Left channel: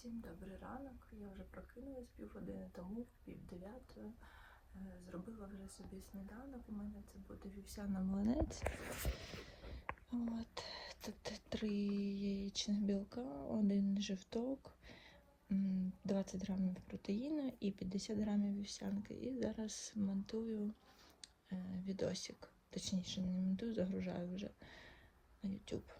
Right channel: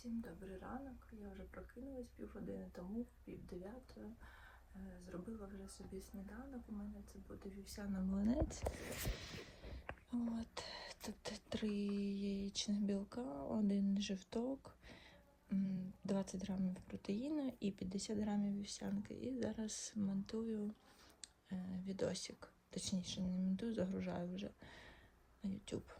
Всім добрий ранок. Я вже прокинулась півгодини тому, пів дев'ятої. Е, Зробила вже собі сніданок. У мене це буде вівсяна млинець. От. Тут три яєчних білка, один жовток, 20 грамів протеїну і 50 грамів вівсянки. І зараз монтую е, відосик. Точніше, не монтую, загружаю вже на YouTube.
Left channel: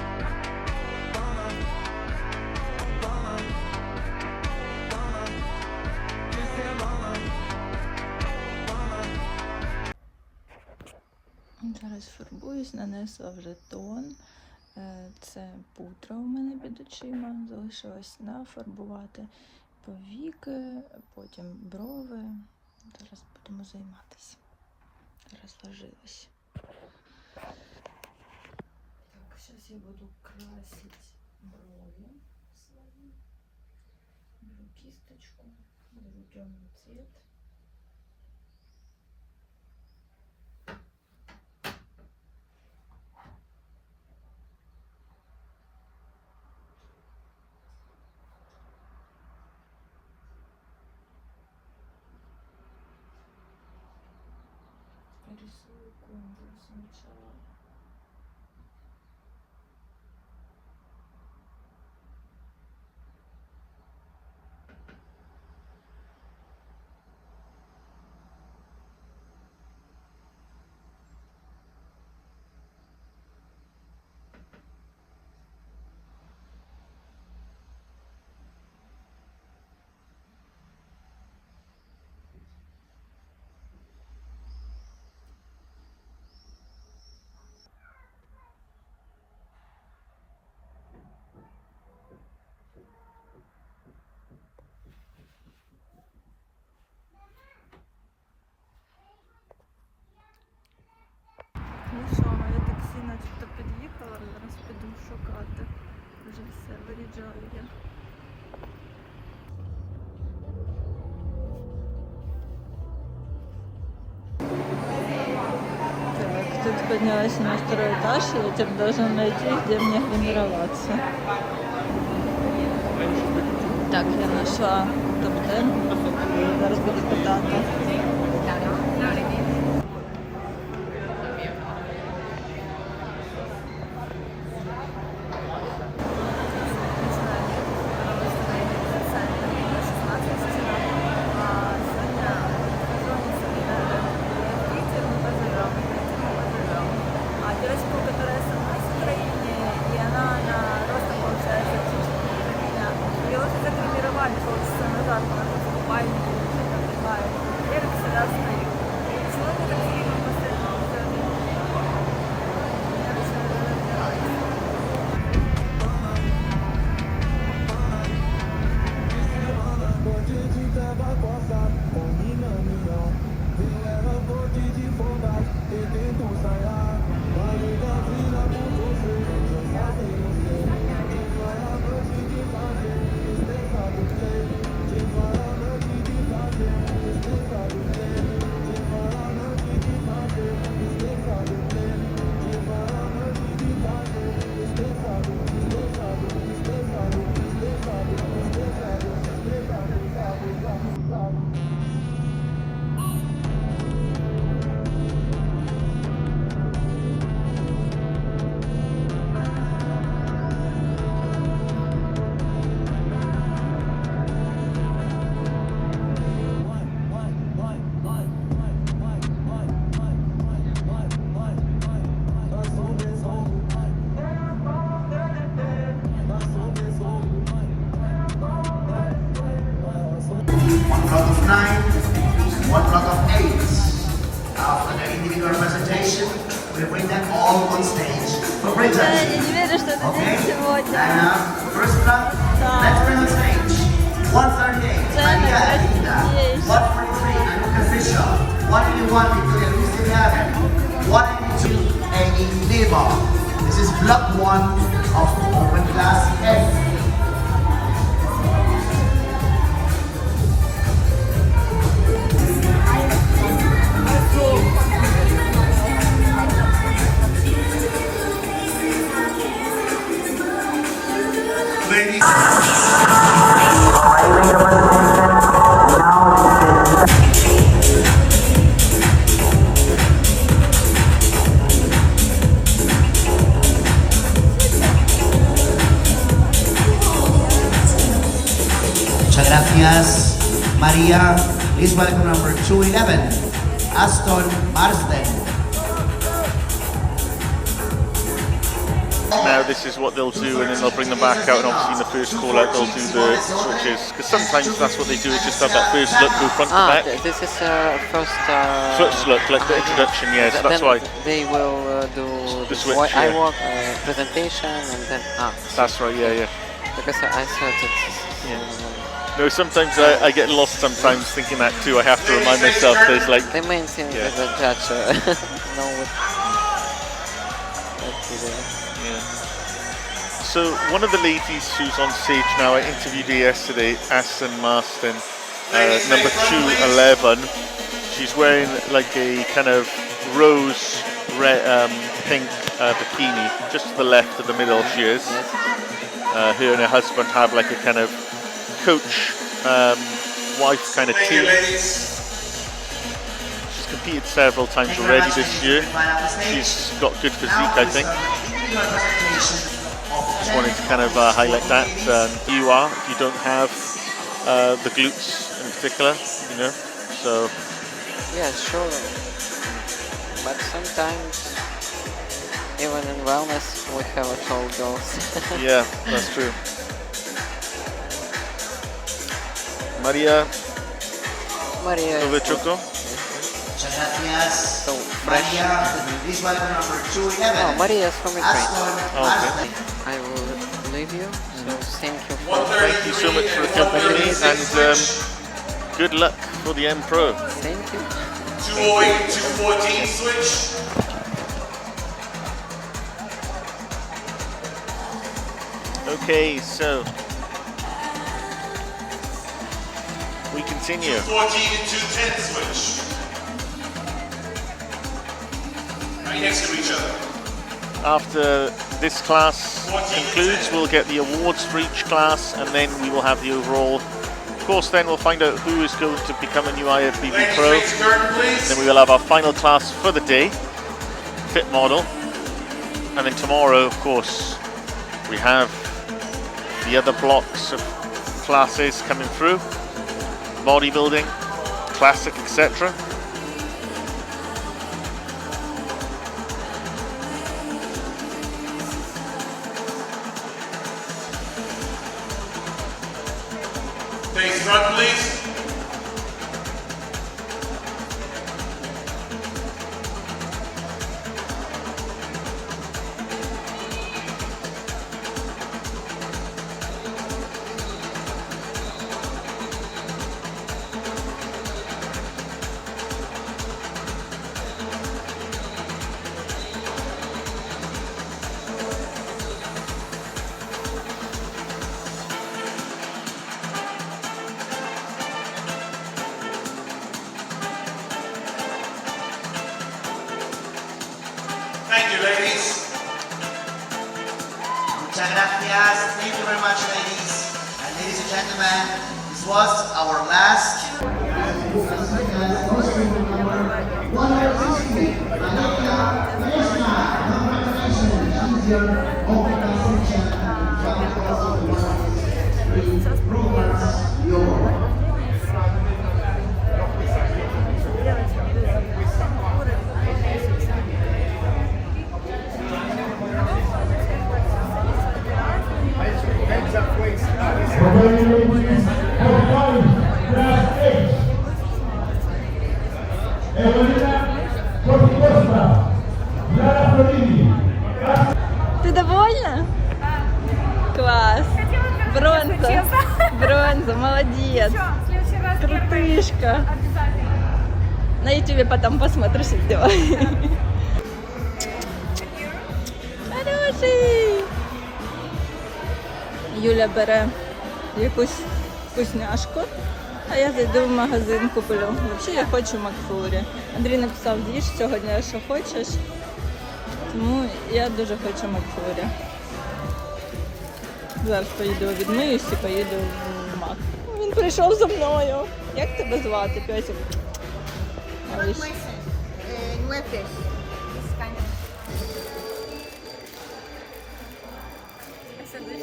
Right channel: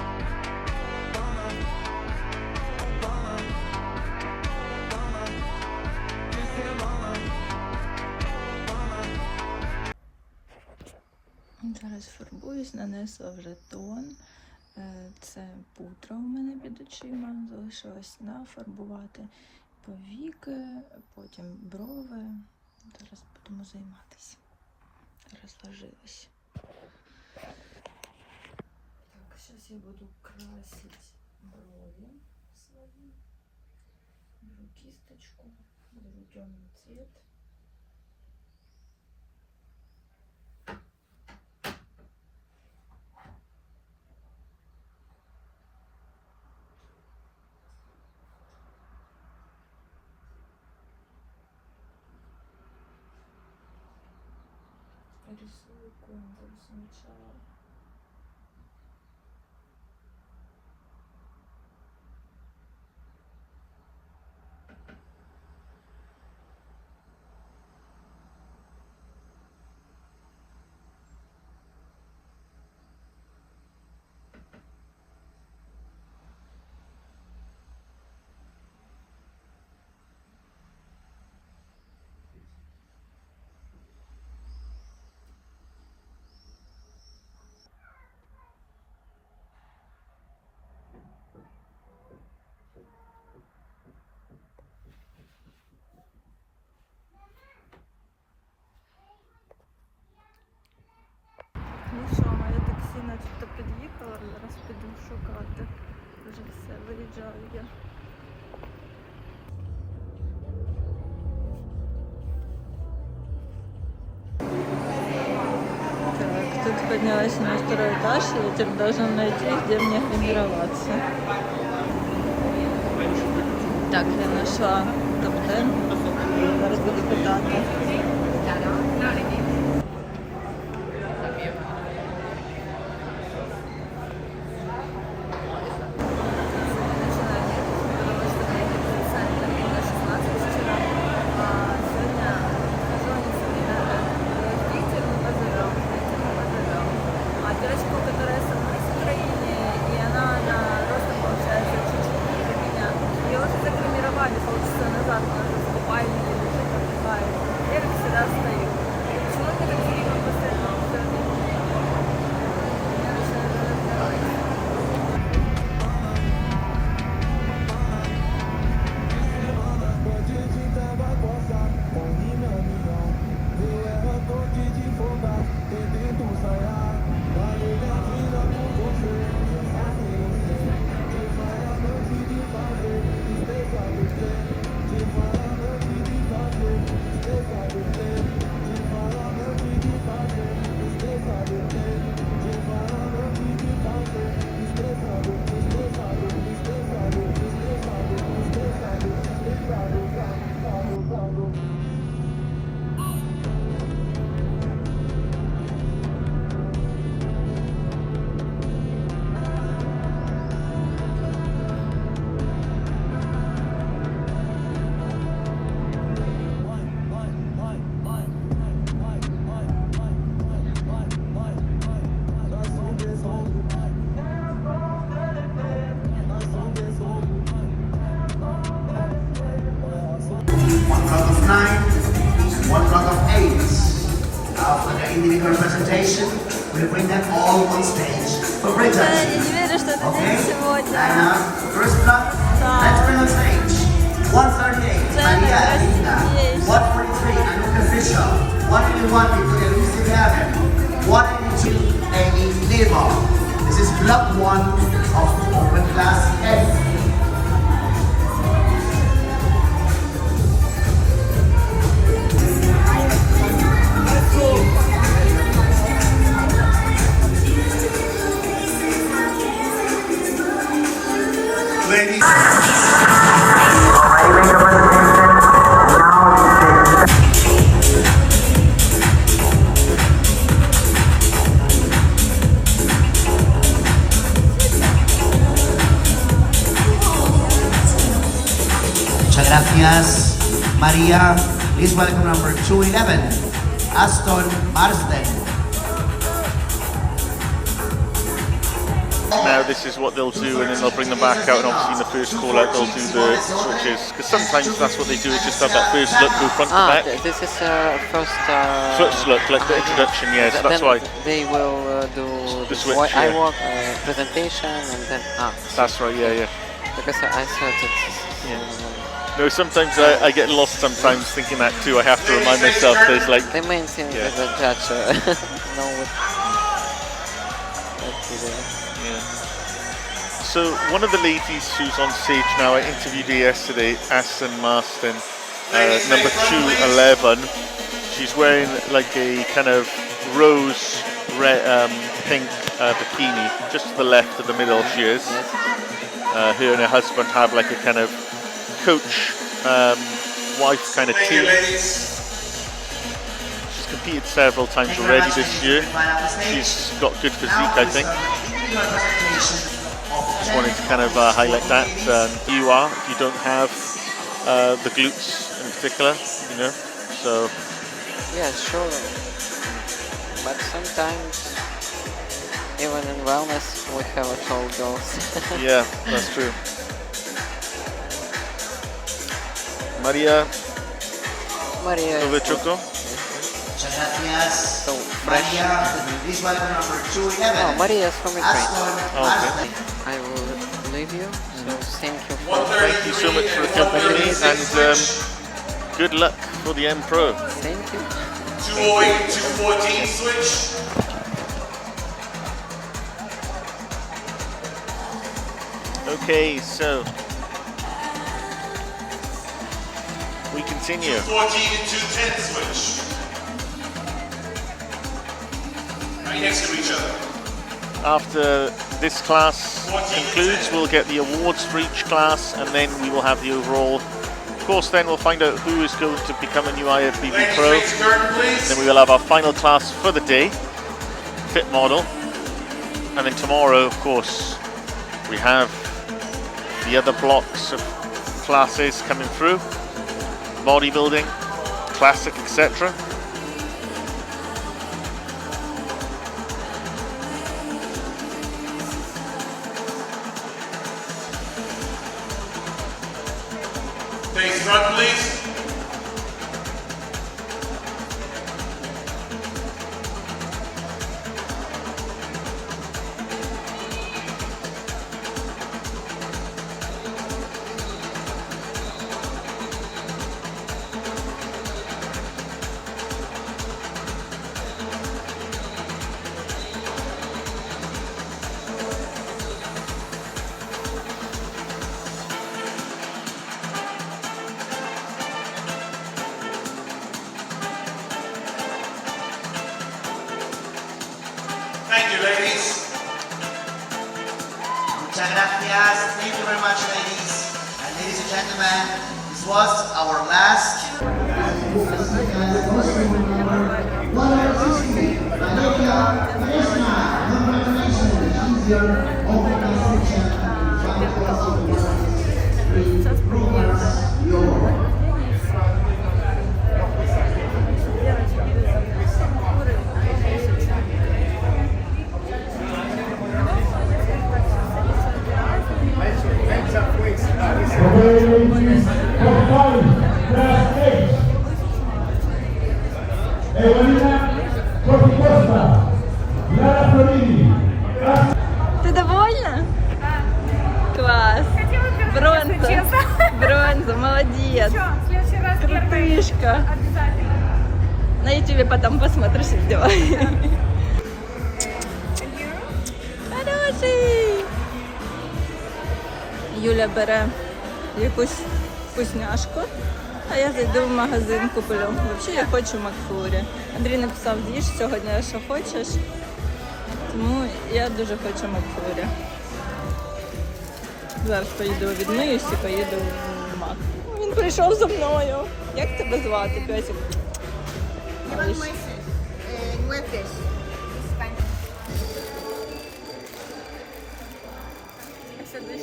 Зараз фарбуюсь, нанесла вже тон. Е, Це пудра у мене під очима. Залишилось нафарбувати повіки, потім брови. Зараз будемо займатися. Розложилась. Так, зараз я буду красити брови свої. Беру кісточку, беру темний цвет. What is just going to go some chill. Все, виїжджаю я. Так, тут поднялась на второй этаж, и теперь должен найти, где мне гримироваться. Так, я нашла топ-10. Зараз буду питати. This is block one of open class A. Gracias, Maria. Please welcome number 211, Aston Marsden. Now this is what they'll do, and then they'll bring them back out, and obviously in the first call out they'll do the switches, because sometimes that's what they do, is just have that first look, go front to Ah, back. this is uh, first. Uh, First look, like the introduction, yes, th- that's then why. they will uh, do The the switch, switch, I yeah. walk uh, presentation and then ah That's right, yeah, yeah. because I thought it's No, sometimes I, I get lost sometimes thinking that too. I have to remind myself there's like, They main seem Yeah. is the judge uh, what to yeah. So one of the ladies who's on stage now, I interviewed her yesterday, Aston Marston, uh, number 211. She's wearing like a kind of rose red, um, pink uh, bikini, just to the left of the middle she is. Uh, her and her husband have like a kind of coach um, wife kind of team. She's competed several times already this year. Goodbye now, please. She's got good physique, I think. continue your presentation of Just wanted to kind of uh, highlight that. Um, you are, if you don't have uh, the glutes in particular, you know. So Yeah, sure. But sometimes, even in wellness, we have a tall girls. yeah, that's true. Maria Maria. is Novichoko. Muchas gracias. So. Maria, please welcome number 211. Oh, Maria is from Ukraine. Oh, okay. I will leave you. So thank you for Thank you so much for accompanying me and um, good luck for the M Pro. thank you. 208, 214 switch. Okay, so we continue. 14 and 210 switch. Right next to each other. After this class concludes, we'll get the awards for each class and then we will have the overall. Of course, then we'll find out who is going to become a new IFBB Ladies, Pro. curtain. Then we will have our final class for the day, fit model. And then tomorrow, of course, we have the other blocks of classes coming through bodybuilding, classic, etc. Сейчас приедет. Ты довольна? Класс. Бронза. Бронза, молодец. Крутышка. На ютубе потом посмотришь видео. Хороший. Юля бере якусь вкусняшку, а я зайду в магазин куплю. Взагалі я хочу Макфлорі. Андрій написав, їж сьогодні, що хочеш. Тому я дуже хочу Макфлорі. Зараз поїду відмиюсь і поїду в Мак. Він прийшов за мною. Як тебе звати.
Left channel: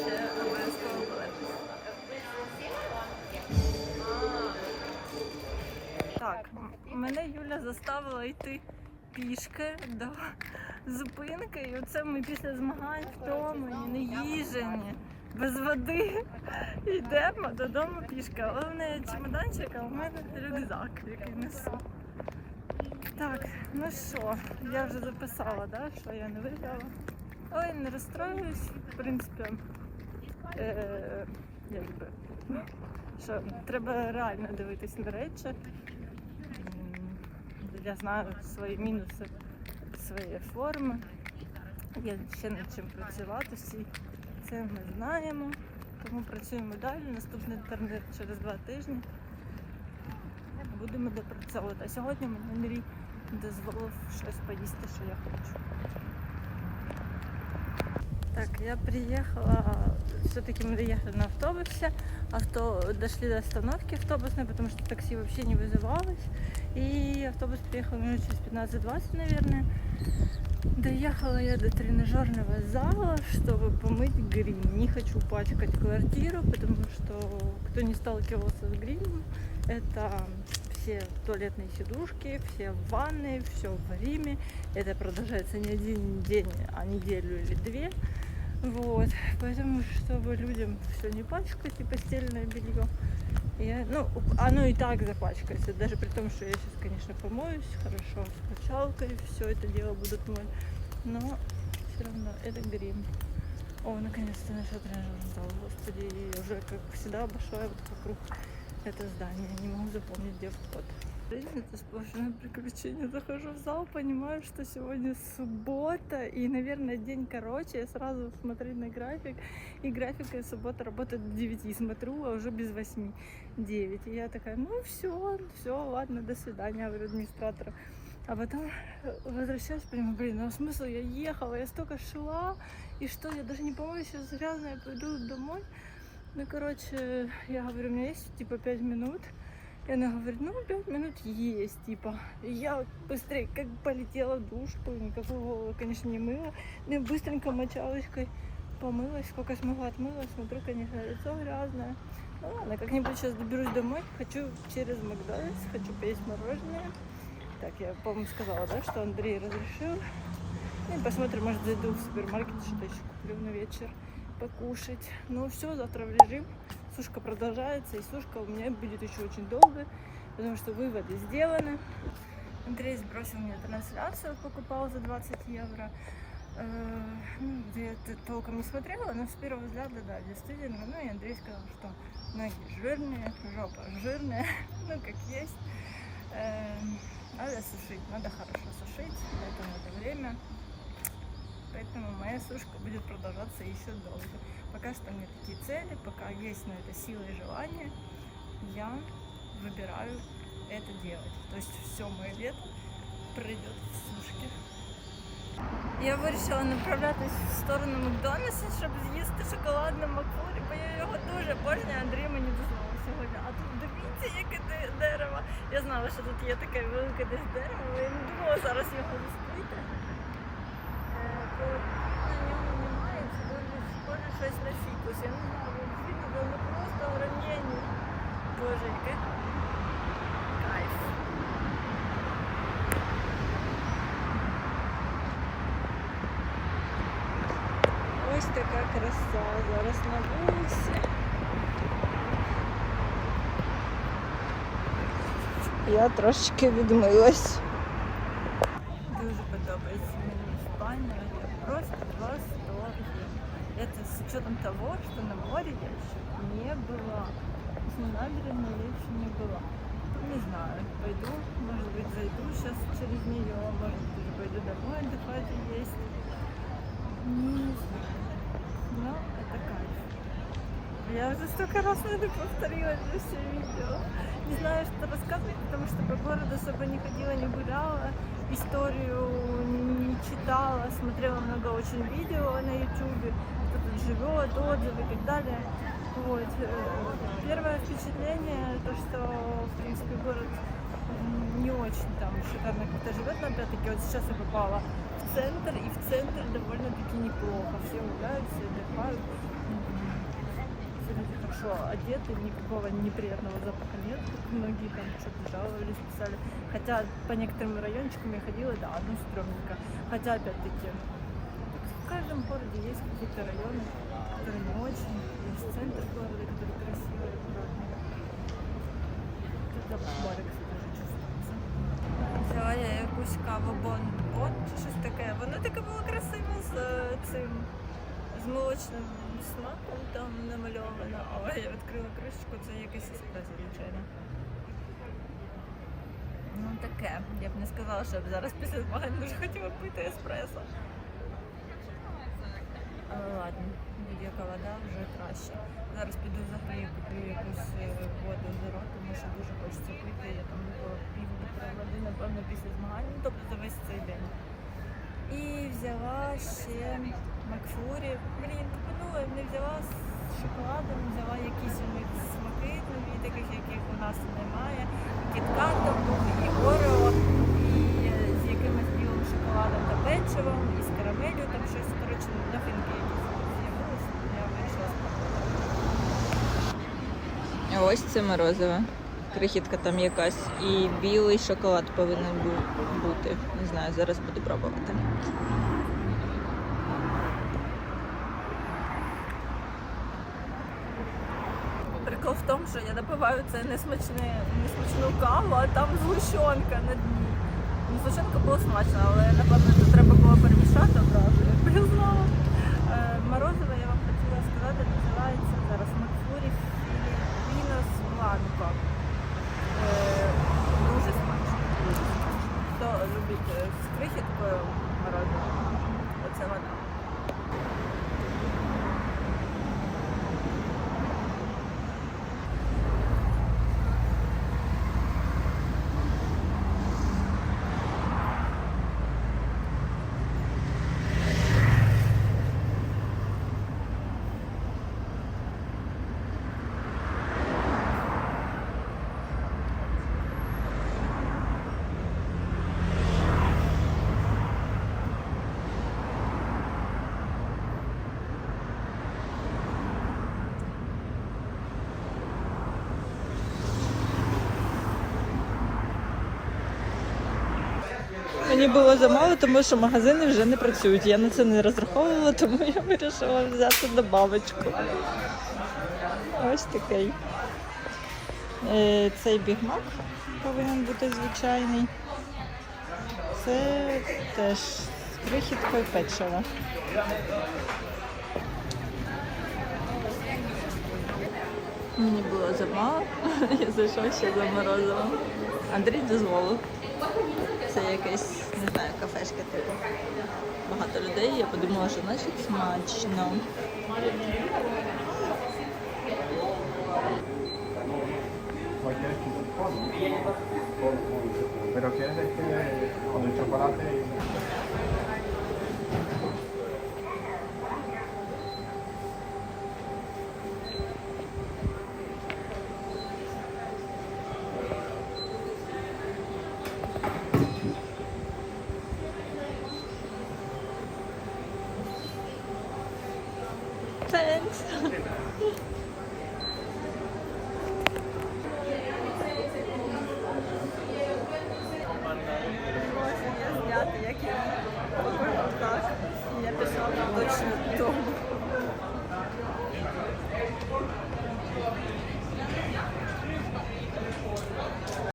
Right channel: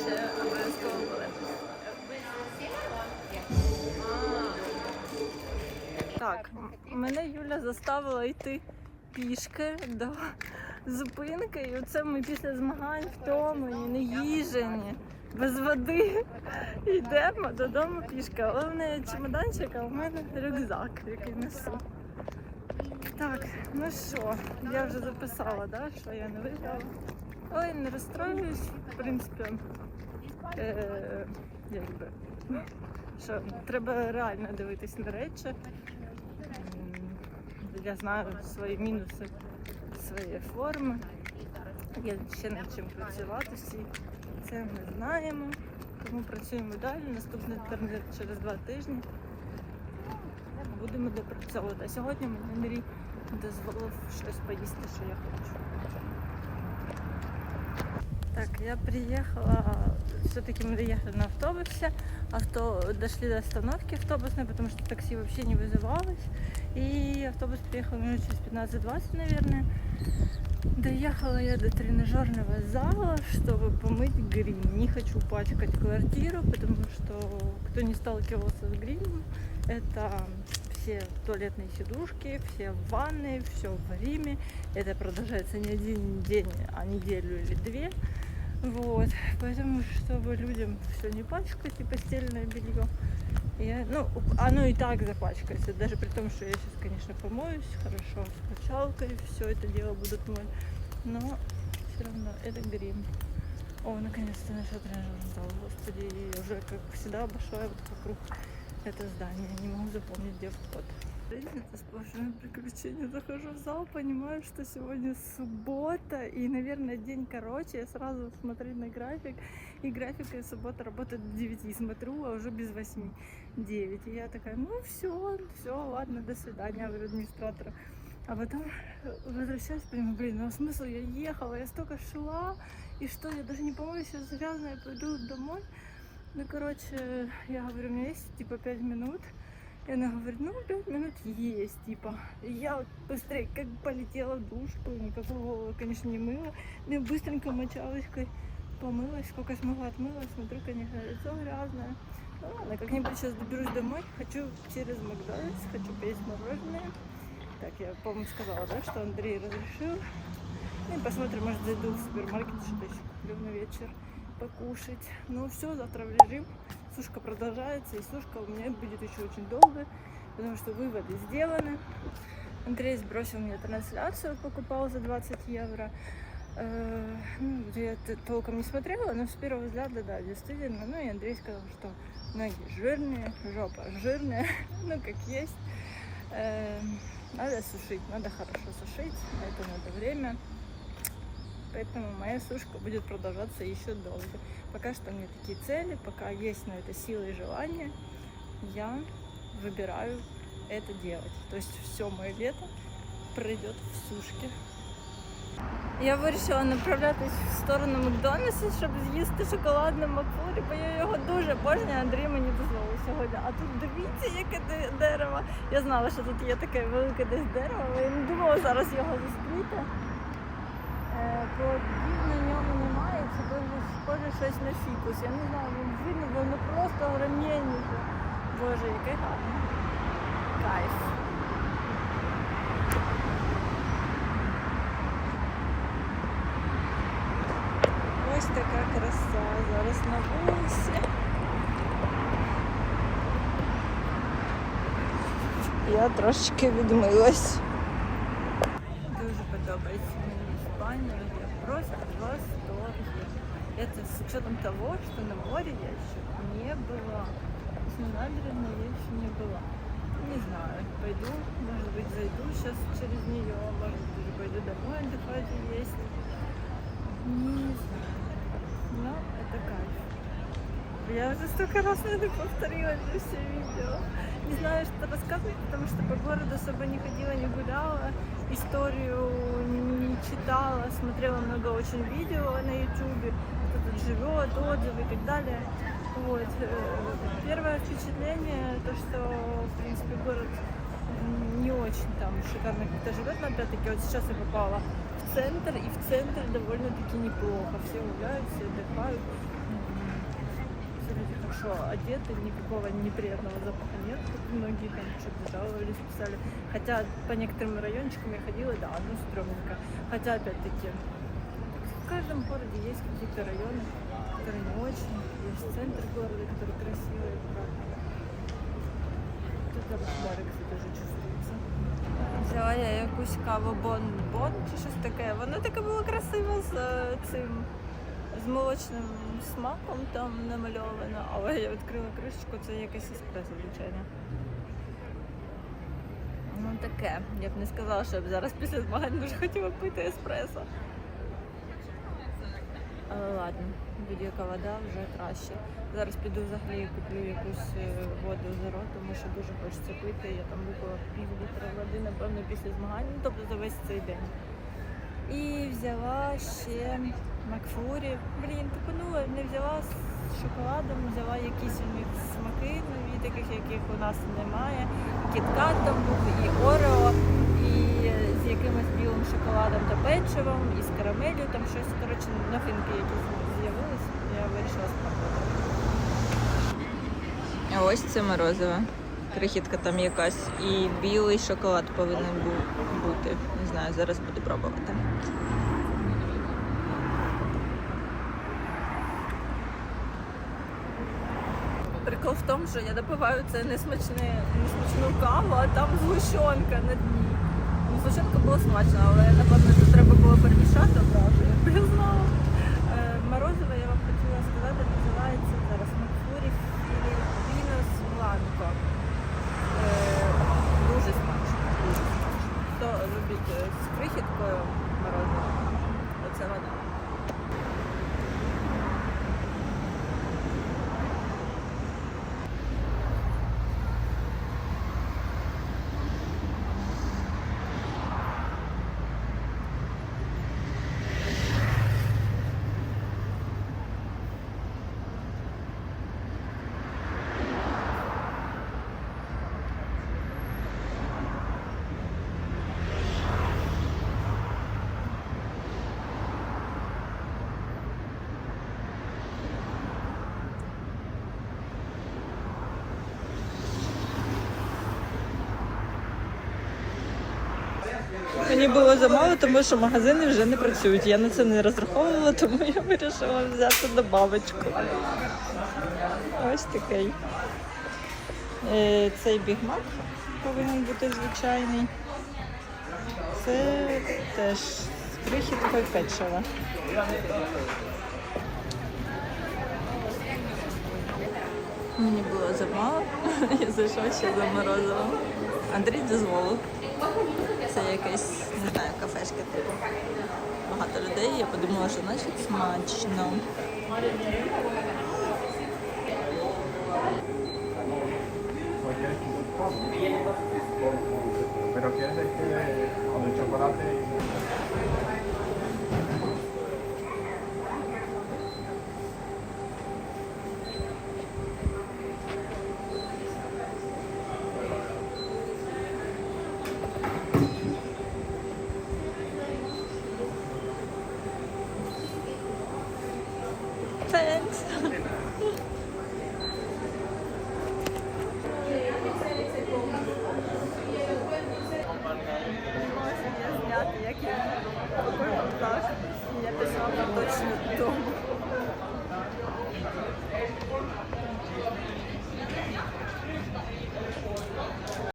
Я обов'язково полепить. Так, мене Юля заставила йти пішки до зупинки. І оце ми після змагань втомлені, не їжені, без води. Йдемо додому пішки. Але в неї чемоданчик, а у мене рюкзак, який несу. Так, ну що, я вже записала, да, що я не виграла. Але не розстроююсь, в принципі. Е, якби, що треба реально дивитись на речі. Я знаю свої мінуси, свої форми. Є ще над чим працювати всі. Це ми знаємо. Тому працюємо далі. Наступний інтернет через два тижні. Будемо допрацьовувати. А сьогодні мені дозволив щось поїсти, що я хочу. Так, я приехала, все-таки мы доехали на автобусе, авто, дошли до остановки автобусной, потому что такси вообще не вызывалось, и автобус приехал минут через 15-20, наверное. Доехала я до тренажерного зала, чтобы помыть грим. Не хочу пачкать квартиру, потому что кто не сталкивался с гримом, это все туалетные сидушки, все ванны, все в гриме. Это продолжается не один день, а неделю или две. Вот, поэтому, чтобы людям все не пачкать и постельное белье, я, ну, оно и так запачкается, даже при том, что я сейчас, конечно, помоюсь хорошо с качалкой, все это дело будут мыть, но все равно это грим. О, наконец-то нашел тренажерный зал, господи, и уже, как всегда, обошла вот вокруг это здание, не могу запомнить, где вход. Жизнь это сплошное приключение. Захожу в зал, понимаю, что сегодня суббота и, наверное, день короче. Я сразу смотрю на график, и график и суббота работает до 9. Смотрю, а уже без 8, 9. И я такая, ну все, все, ладно, до свидания, говорю администратору. А потом возвращаюсь, понимаю, блин, ну смысл, я ехала, я столько шла, и что, я даже не помню, сейчас грязная, пойду домой. Ну, короче, я говорю, у меня есть типа 5 минут. И она говорит, ну, 5 минут есть, типа. И я быстрее как полетела в душ, никакой голову, конечно, не мыла. Ну, я быстренько мочалочкой помылась, сколько смогла отмылась. Смотрю, конечно, лицо грязное. Ну ладно, как-нибудь сейчас доберусь домой. Хочу через Макдональдс, хочу поесть мороженое. Так, я, по-моему, сказала, да, что Андрей разрешил. Ну посмотрим, может, зайду в супермаркет, что-то еще куплю на вечер покушать. Ну все, завтра в режим. Сушка продолжается, и сушка у меня будет еще очень долго, потому что выводы сделаны. Андрей сбросил мне трансляцию, покупал за 20 евро. Э, ну, я т- толком не смотрела, но с первого взгляда, да, действительно. Ну и Андрей сказал, что ноги жирные, жопа жирная, ну как есть. Э, надо сушить, надо хорошо сушить, это надо время. Поэтому моя сушка будет продолжаться еще долго. Пока что нет такие цели, пока есть на это сила и желание, я выбираю это делать. То есть все мое лето пройдет в сушке. Я вирішила направлятись в сторону Макдональдса, щоб з'їсти шоколадне Макфлурі, бо я його дуже обожнюю, Андрій мені дозволив сьогодні. А тут дивіться, яке де- дерево. Я знала, що тут є таке велике десь дерево, але я не думала зараз його зустріти. Е, Плодів на ньому немає, це дуже схоже щось на фікус. Я не знаю, бо видно, бо воно просто гранєніше. Боже, який гарний. Кайф. Ось така краса зараз на вулиці. Я трошечки відмилась. Я просто в восторге. Это с учетом того, что на море я еще не была. На набережной я еще не была. Не знаю, пойду, может быть, зайду сейчас через нее, может быть, пойду домой отдыхать и есть. Не знаю. Но это кайф. Я уже столько раз, наверное, повторила это все видео. Не знаю, что рассказывать, потому что по городу особо не ходила, не гуляла, историю не читала, смотрела много очень видео на ютубе, кто тут живет, отзывы и так далее. Вот. э, Первое впечатление, то, что, в принципе, город не очень там шикарно как-то живет, но опять-таки вот сейчас я попала в центр, и в центре довольно-таки неплохо. Все гуляют, все отдыхают. Хорошо одеты, никакого неприятного запаха нет, как многие там что-то жаловались, писали. Хотя по некоторым райончикам я ходила, да, ну стрёмненько. Хотя опять-таки, в каждом городе есть какие-то районы, которые не очень. Есть центр города, который красивый, аккуратный. Тут запах барекса дуже чувствується. Взяла я якусь каву бон-бон чи щось таке. Воно таке було красиво з е, цим з молочним смаком там намальовано, але я відкрила кришечку, це якесь еспресо, звичайно. Ну таке. Я б не сказала, що я б зараз після змагань дуже хотіла пити еспресо. Але ладно, будь-яка вода вже краще. Зараз піду взагалі куплю якусь е, воду зеро, тому що дуже хочеться пити. Я там випила пів літра води, напевно, після змагань, тобто за весь цей день. І взяла ще Макфлурі. Блін, тупанула, не взяла з шоколадом, взяла якісь у них у нас немає. Кіткат там був, і Орео, і е, з якимось білим шоколадом та печивом, і з карамелью, там щось, коротше, новинки якісь з'явились. Я вирішила спробувати. А ось це морозиво. Крихітка там якась. І білий шоколад повинен був бути. Не знаю, зараз буду пробувати. Прикол в тому, що я допиваю це несмачне, несмачну каву, а там дні. Згущенка було смачно, але напевно це треба було перемішати одразу. Я знала. Е, Морозиво я вам хотіла сказати, називається зараз Макфурі Філіппінос Бланко. Е, Дуже смачно. Хто любить е, з крихіткою морозиво, оце воно. Мені було замало, тому що магазини вже не працюють. Я на це не розраховувала, тому я вирішила взяти добавочку. Ось такий. Е, Цей бігмак повинен бути звичайний. Це теж крихіткою печива. Мені було замало, я зайшла ще за морозивом. Андрій дозволив. Це якесь, не знаю, кафешка типу. Багато людей, я подумала, що значить смачно.